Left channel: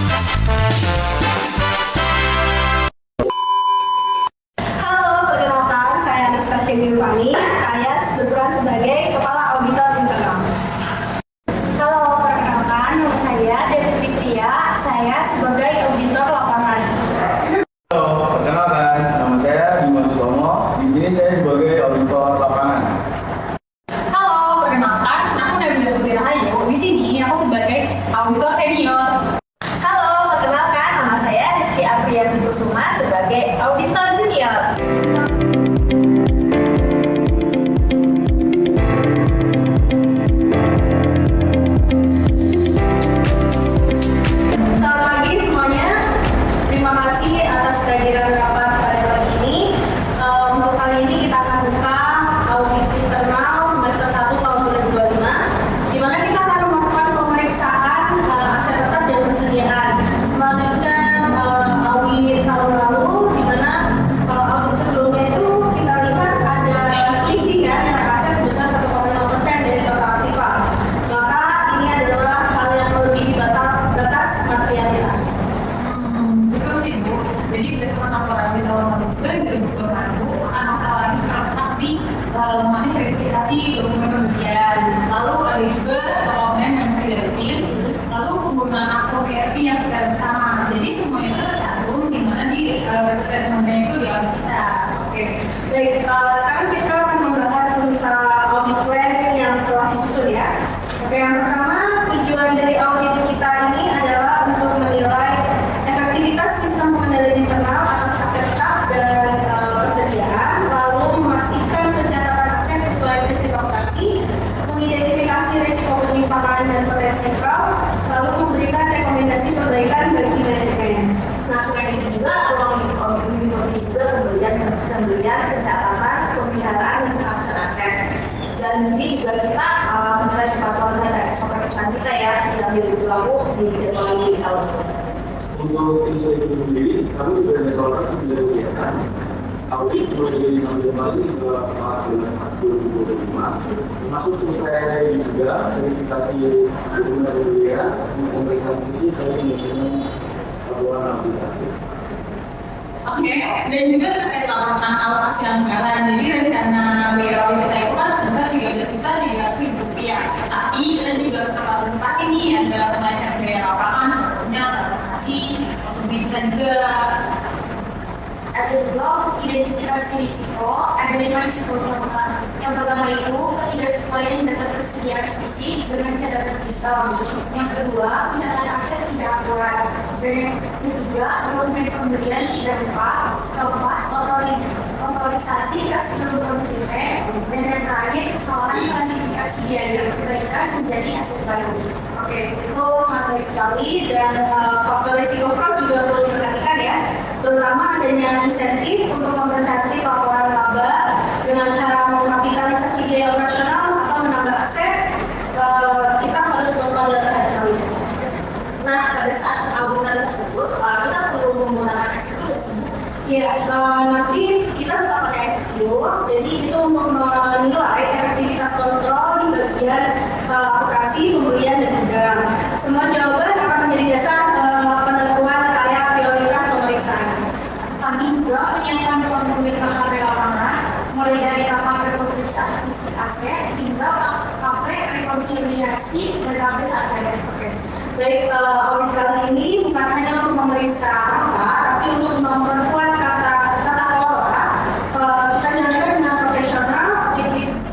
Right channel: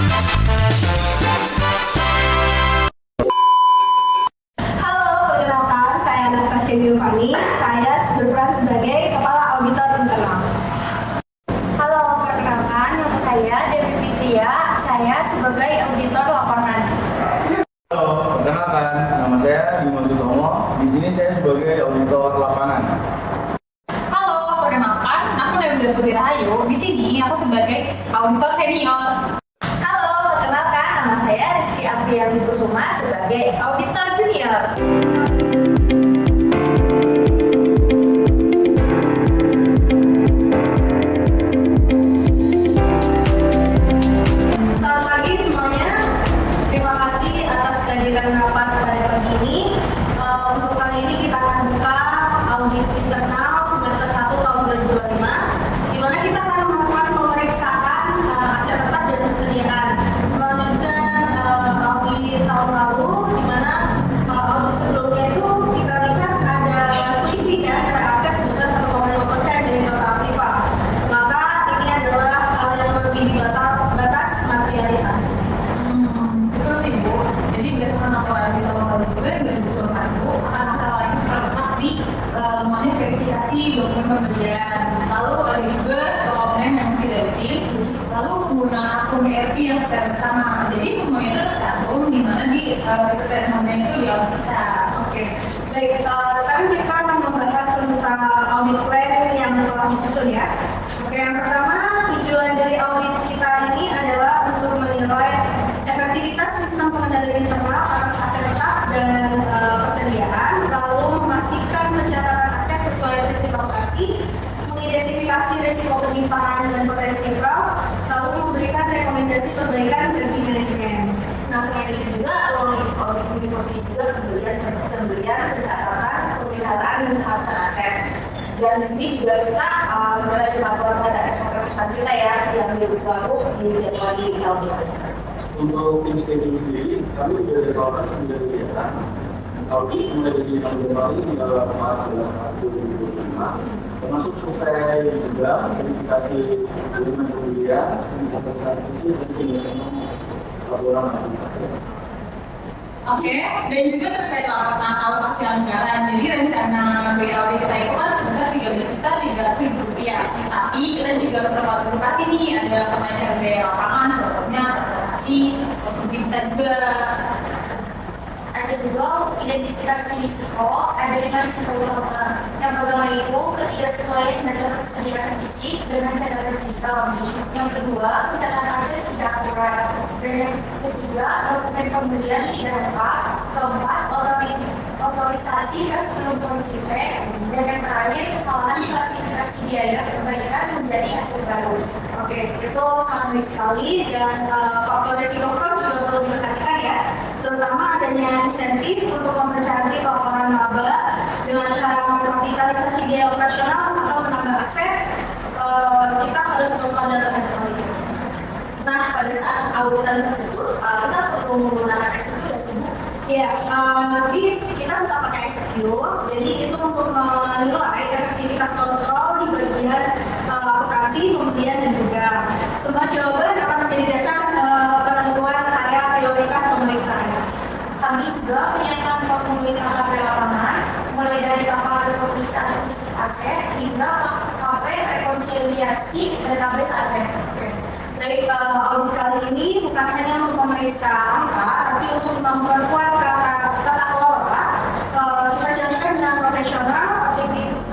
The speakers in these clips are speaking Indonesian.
Halo, perkenalkan saya Anastasia Giovanni. Saya berperan sebagai Kepala Auditor Internal. Halo, perkenalkan nama saya Devi Fitria. Saya sebagai auditor lapangan. Halo, perkenalkan nama saya Dimas Utomo. Di sini saya sebagai auditor lapangan. Halo, perkenalkan aku Nabila Putri Rahayu. Di sini aku sebagai auditor senior. Halo, perkenalkan nama saya Rizky Apriyanti Kusuma sebagai Auditor Junior. Selamat pagi semuanya. Terima kasih atas kehadiran rapat pada pagi ini. Untuk kali ini kita akan buka audit internal semester 1 tahun 2025, di mana kita akan melakukan pemeriksaan aset tetap dan persediaan. Melanjutkan audit tahun lalu, di mana audit sebelumnya itu kita lihat ada selisih ya nilai aset sebesar 1,5% dari total aktiva. Maka ini adalah hal yang melebihi batas materialitas. Betul sih Bu. Jadi berdasarkan laporan di tahun lalu juga yang 2025 akan masalah ini terletak di mengenai verifikasi dokumen pembelian. Lalu ada juga dokumen yang tidak rutin. Lalu penggunaan akun ERP yang secara bersama. Jadi semua itu tercantum di mana di risk assessment-nya itu di audit kita. Oke, baik. Sekarang kita akan membahas tentang audit plan yang telah disusun ya. Oke, yang pertama tujuan dari audit kita ini adalah untuk menilai efektivitas sistem pengendalian internal atas aset tetap dan persediaan, lalu memastikan pencatatan aset sesuai prinsip operasi, mengidentifikasi risiko penyimpangan dan potensi fraud, lalu memberikan rekomendasi perbaikan bagi manajemen. Nah, selain itu juga ruang audit ini meliputi juga pembelian, pencatatan, pemeliharaan dan kehabisan aset. Dan di sini juga kita menjelaskan kepatuhan terhadap SOP perusahaan kita ya yang berlaku di Januari tahun ini. Untuk tim statement sendiri, kami sudah jadwalkan 9 kegiatan. Audit mulai dari 6 Januari hingga 4 bulan April 2025, termasuk selesai juga verifikasi dokumen pembelian, pemeriksaan fisik dan penyusunan laporan audit. Oke, dan juga terkait laporan alokasi anggaran. Jadi rencana biaya audit kita itu kan sebesar 13.300.000 rupiah. Tapi kita juga tetap partisipasi nih, ada kenaikan biaya lapangan, contohnya transportasi, konsumsi kita juga. Ada juga untuk identifikasi risiko, ada 5 risiko utama. Yang pertama itu ketidaksesuaian data persediaan fisik dengan catatan sistem. Yang kedua, pencatatan aset tidak akurat. Dan yang ketiga, dokumen pembelian tidak lengkap. Keempat, otorisasi kas belum konsisten. Dan yang terakhir, kesalahan klasifikasi biaya perbaikan menjadi aset baru. Oke, itu sangat baik sekali dan faktor risiko fraud juga perlu diperhatikan ya, terutama adanya insentif untuk mempercantik laporan laba dengan cara mengkapitalisasi biaya operasional atau menambah aset. Kita harus waspada terhadap hal itu. Nah, pada saat auditan tersebut kita perlu menggunakan SQ ya sih. Ya, nanti kita tetap pakai SQ. Jadi itu untuk menilai efektivitas kontrol di bagian operasi, pembelian dan juga semua jawaban akan menjadi dasar penentuan area prioritas pemeriksaan. Kami juga menyiapkan ruang pembelian KPP lapangan, mulai dari KPP pemeriksaan fisik aset hingga KPP rekonsiliasi database aset. Baik, audit kali ini bukan hanya untuk memeriksa angka, tapi untuk memperkuat tata kelola. Kita jalankan dengan profesional,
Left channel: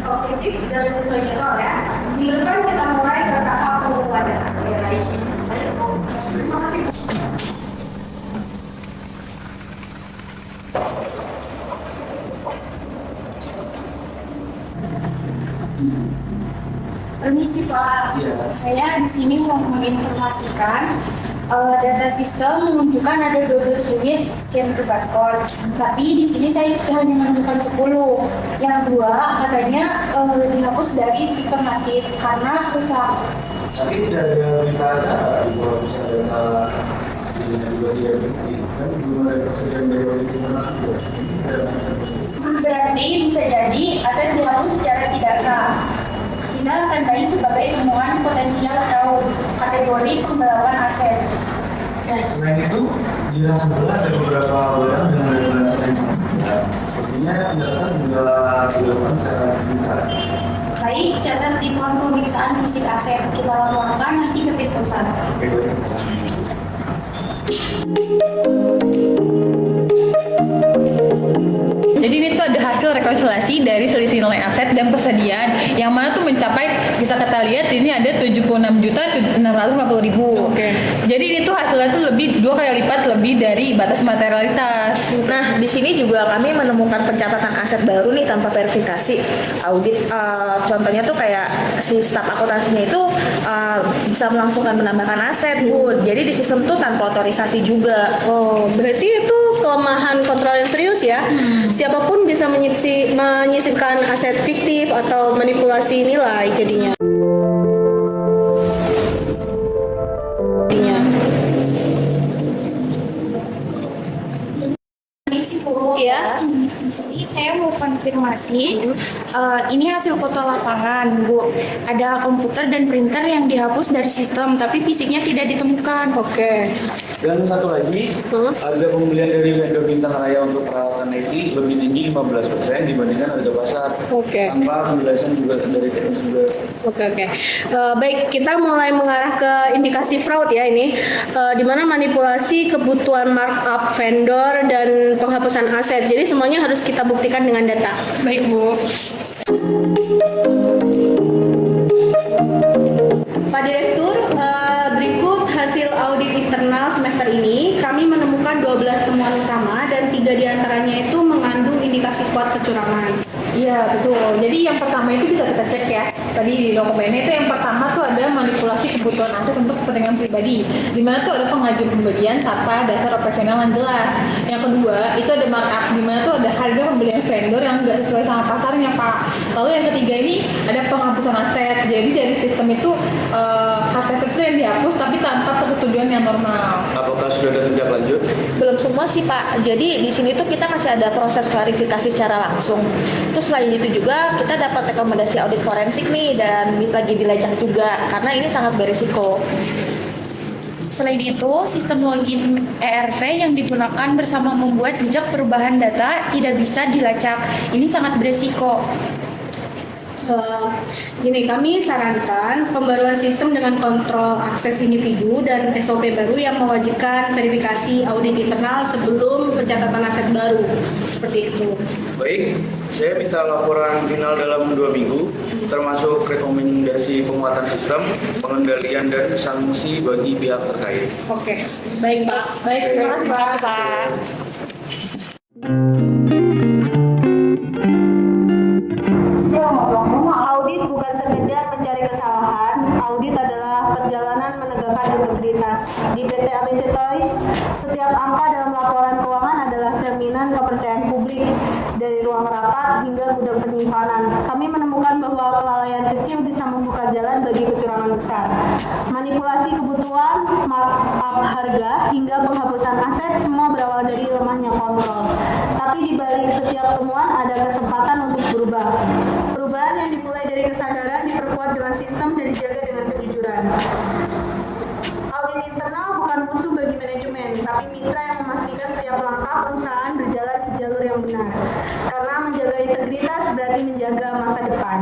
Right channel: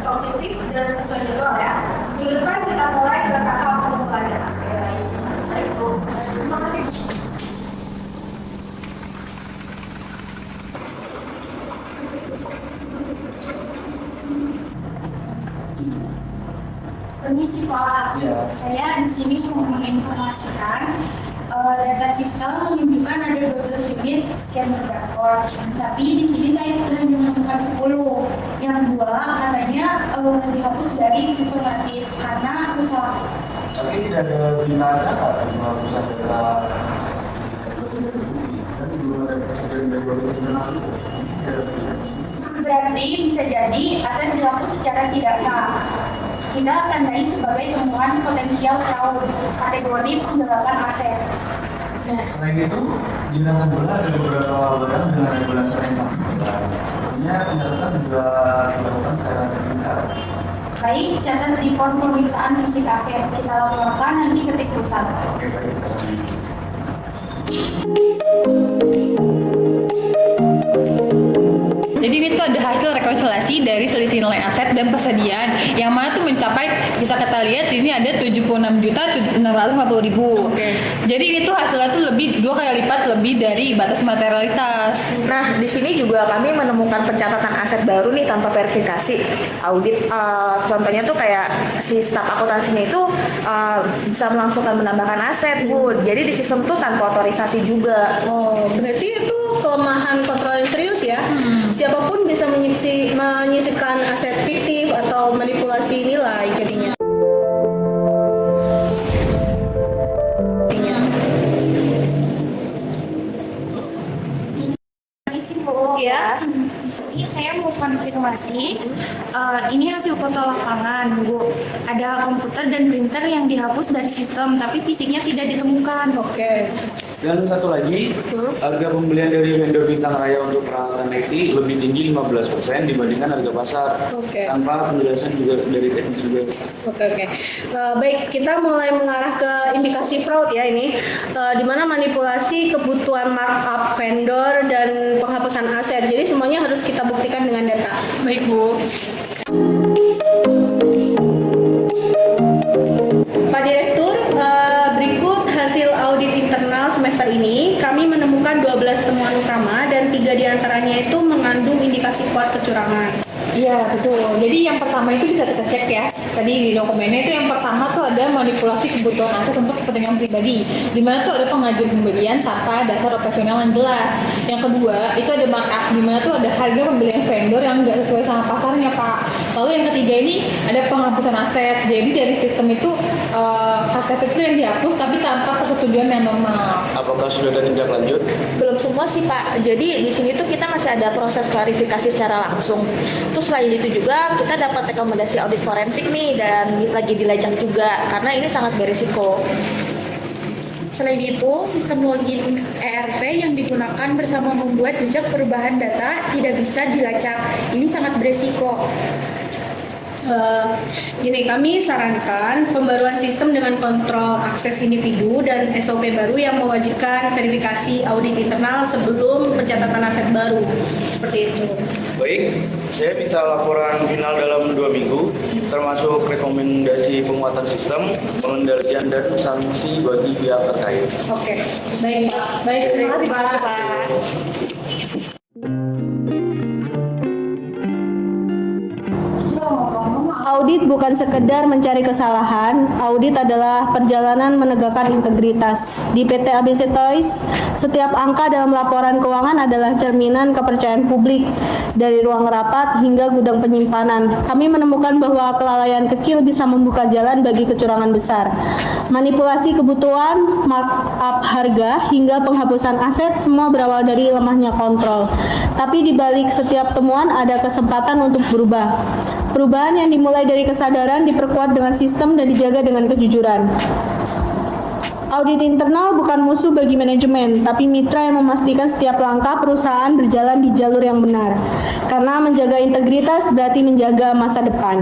objektif dan sesuai jadwal ya. Minggu depan kita mulai bertahap pengumpulan data. Terima kasih. Permisi Pak, Iya. saya di sini mau menginformasikan data sistem menunjukkan ada 12 unit scanner barcode. Tapi di sini saya hanya menemukan 10. Yang dua katanya dihapus dari sistematis karena rusak. Tadi tidak ada beritanya Pak di bawah pusat data juga tidak begitu. Dan belum ada presiden dari audit internal juga. Berarti bisa jadi aset dihapus secara tidak sah. Kita tandai sebagai temuan potensial fraud kategori penggelapan aset. Selain itu, di yang sebelah ada beberapa barang dengan regulasi yang sama. Sepertinya pendataan juga dilakukan secara sebentar. Baik, catat di form pemeriksaan fisik aset. Kita laporkan nanti ke tim pusat. Oke, baik. Jadi ini tuh ada hasil rekonsiliasi dari selisih nilai aset dan persediaan yang mana tuh mencapai, bisa kita lihat ini ada 76.650.000. Jadi ini tuh hasilnya tuh lebih 2 kali lipat lebih dari batas materialitas. Nah, di sini juga kami menemukan pencatatan aset baru nih tanpa verifikasi audit. Contohnya tuh kayak si staf akuntansinya itu bisa melangsungkan menambahkan aset, Bu. Jadi di sistem tuh tanpa otorisasi juga. Oh, berarti itu kelemahan kontrol yang serius ya. Siapapun bisa menyisipkan aset fiktif atau manipulasi nilai jadinya. Permisi Bu. Ya. Jadi saya mau konfirmasi, ini hasil foto lapangan Bu. Ada komputer dan printer yang dihapus dari sistem, tapi fisiknya tidak ditemukan. Oke. Dan satu lagi, harga pembelian dari vendor Bintang Raya untuk peralatan IT lebih tinggi 15% dibandingkan harga pasar. Oke. Angka penjelasan juga dari teknis juga. Oke. Baik, kita mulai mengarah ke indikasi fraud ya ini, di mana manipulasi kebutuhan markup vendor dan penghapusan aset. Jadi semuanya harus kita buktikan dengan data. Baik Bu. Pak Direktur, berikut hasil audit internal semester ini. Kami menemukan 12 temuan utama dan 3 diantaranya itu mengandung indikasi kuat kecurangan. Iya betul. Jadi yang pertama itu bisa kita cek ya. Tadi di dokumennya itu yang pertama tuh ada manipulasi kebutuhan aset untuk kepentingan pribadi. Di mana tuh ada pengajuan pembelian tanpa dasar operasional yang jelas. Yang kedua itu ada markup, di mana tuh ada harga pembelian vendor yang nggak sesuai sama pasarnya Pak. Lalu yang ketiga ini ada penghapusan aset. Jadi dari sistem itu aset itu yang dihapus tapi tanpa persetujuan yang normal. Apakah sudah ada tindak lanjut? Belum semua sih Pak. Jadi di sini tuh kita masih ada proses klarifikasi secara langsung. Terus selain itu juga kita dapat rekomendasi audit forensik nih dan lagi dilacak juga karena ini sangat berisiko. Selain itu, sistem login ERV yang digunakan bersama membuat jejak perubahan data tidak bisa dilacak. Ini sangat beresiko. Gini, kami sarankan pembaruan sistem dengan kontrol akses individu dan SOP baru yang mewajibkan verifikasi audit internal sebelum pencatatan aset baru. Seperti itu. Baik, saya minta laporan final dalam 2 minggu, termasuk rekomendasi penguatan sistem, pengendalian dan sanksi bagi pihak terkait. Oke. Baik Pak. Baik, terima kasih Pak. Audit bukan sekedar mencari kesalahan, audit adalah perjalanan menegakkan integritas. Di PT ABC Toys, setiap angka dalam laporan keuangan adalah cerminan kepercayaan publik dari ruang rapat hingga gudang penyimpanan. Kami menemukan bahwa kelalaian kecil bisa membuka jalan bagi kecurangan besar. Manipulasi kebutuhan, markup harga, hingga penghapusan aset semua berawal dari lemahnya kontrol. Tapi di balik setiap temuan ada kesempatan untuk berubah. Perubahan yang dimulai dari kesadaran diperkuat dengan sistem dan dijaga dengan kejujuran. Audit internal bukan musuh bagi manajemen, tapi mitra yang memastikan setiap langkah perusahaan berjalan di jalur yang benar. Karena menjaga integritas berarti menjaga masa depan.